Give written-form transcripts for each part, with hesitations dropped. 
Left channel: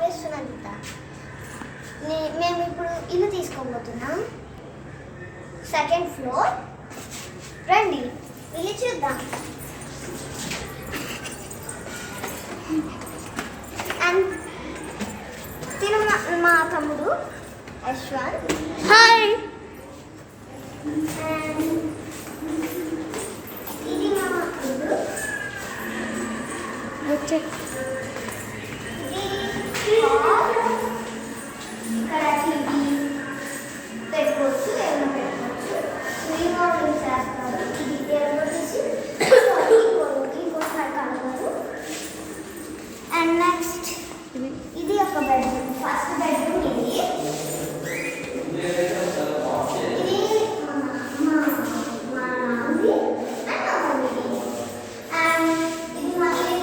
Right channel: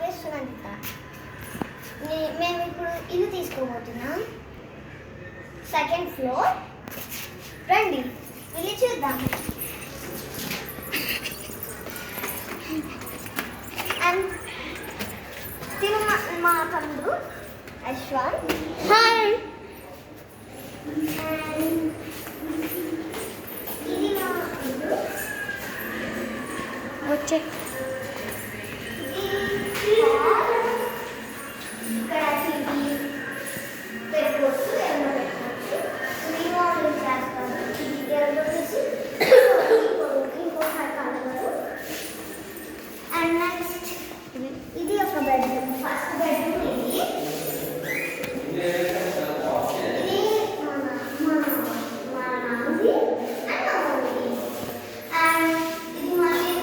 పేరు సునందిత. మేము ఇప్పుడు ఇల్లు తీసుకోబోతున్నాం. 2nd floor. రండి వెళ్ళి చూద్దాం. అండ్ తిను మా తమ్ముడు యశ్వంత్. హాయ్. ఇది మా ఇల్లు. ఓకే. ఇక్కడ టీవీ పెట్టుకోవచ్చు, ఏమైనా పెట్టుకోవచ్చు. రీమోడల్ చేస్తారు. ఇది వచ్చేసి ఇంకోసారి కలవదు. అండ్ నెక్స్ట్ ఇది ఒక బెడ్రూమ్. ఫస్ట్ బెడ్రూమ్ ఇది. ఇది మా నాన్నది అండ్ మా మమ్మీది. అండ్ ఇది మళ్ళీ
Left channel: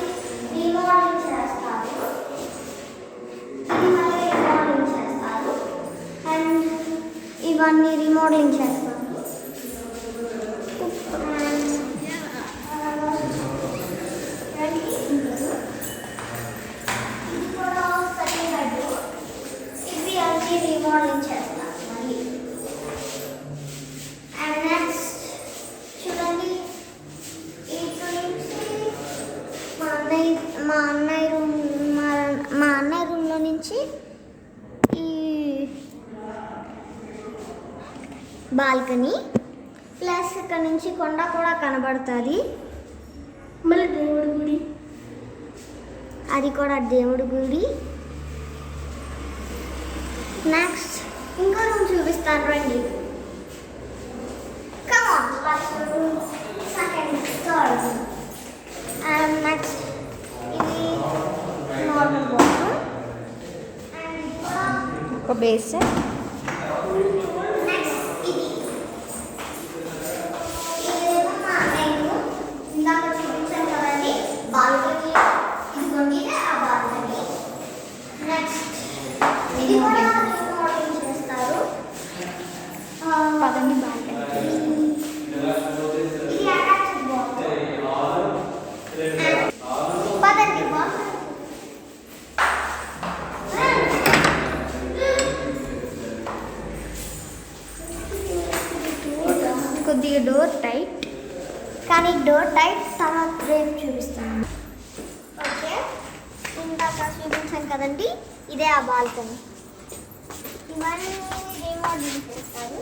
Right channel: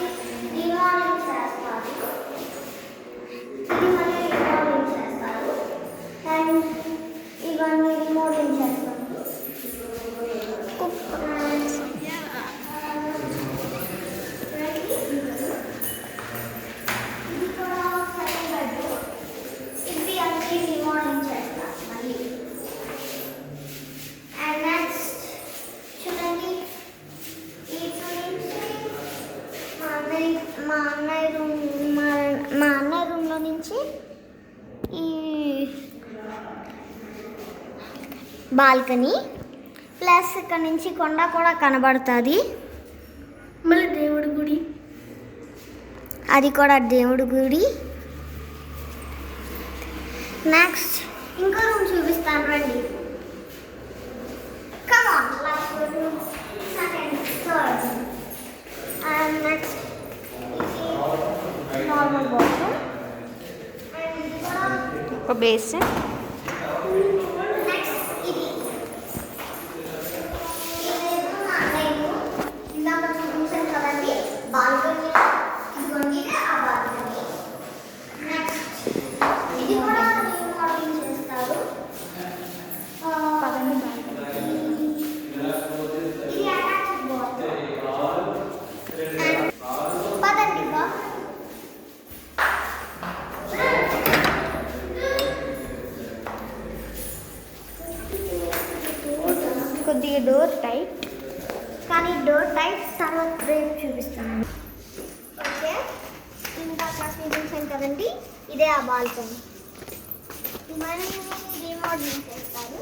రీమోడల్ చేస్తారు. అండ్ ఇవన్నీ రిమోడలింగ్ చేస్తాము. ఇది కూడా సెకండ్ బెడ్రూమ్. ఇది అన్ని రిమోడలింగ్ చేస్తాం మళ్ళీ. అండ్ నెక్స్ట్ చూడండి, ఇటు నుంచి మా అన్నయ్య రూమ్లో నుంచి ఈ బాల్కనీ ప్లస్ ఇక్కడ నుంచి కొండ కూడా కనబడుతుంది. మళ్ళీ దేవుడి గుడి, అది కూడా దేవుడి గుడి. నెక్స్ట్ ఇంకో రూమ్ చూపిస్తాను రండి. కమాన్ సెకండ్ థర్డ్. అండ్ నెక్స్ట్ ఇది నార్మల్ బాత్రూమ్. అండ్ ఇది కూడా ఒక బేసిన్. నెక్స్ట్ ఇదేమో మా అన్నయ్య ఇందాక చూపించాను కదండి బాల్కనీ. ఇదిగోండి ఆ బాల్కనీ. నెక్స్ట్ ఇది కూడా రీమోడలింగ్ చేస్తారు. పదండి బాల్కనీ. ఇది అటాచ్డ్ బాత్రూమ్. పదండి బాత్రూమ్. కొద్దిగా డోర్ టైట్. కానీ డోర్ టైట్ తర్వాత రేపు చూపిస్తాను. ఓకే, ఇందాక చూపించాను కదండి, ఇదే ఆ బాల్కనీ. ఇవన్నీ రీమోడలింగ్ చేస్తారు.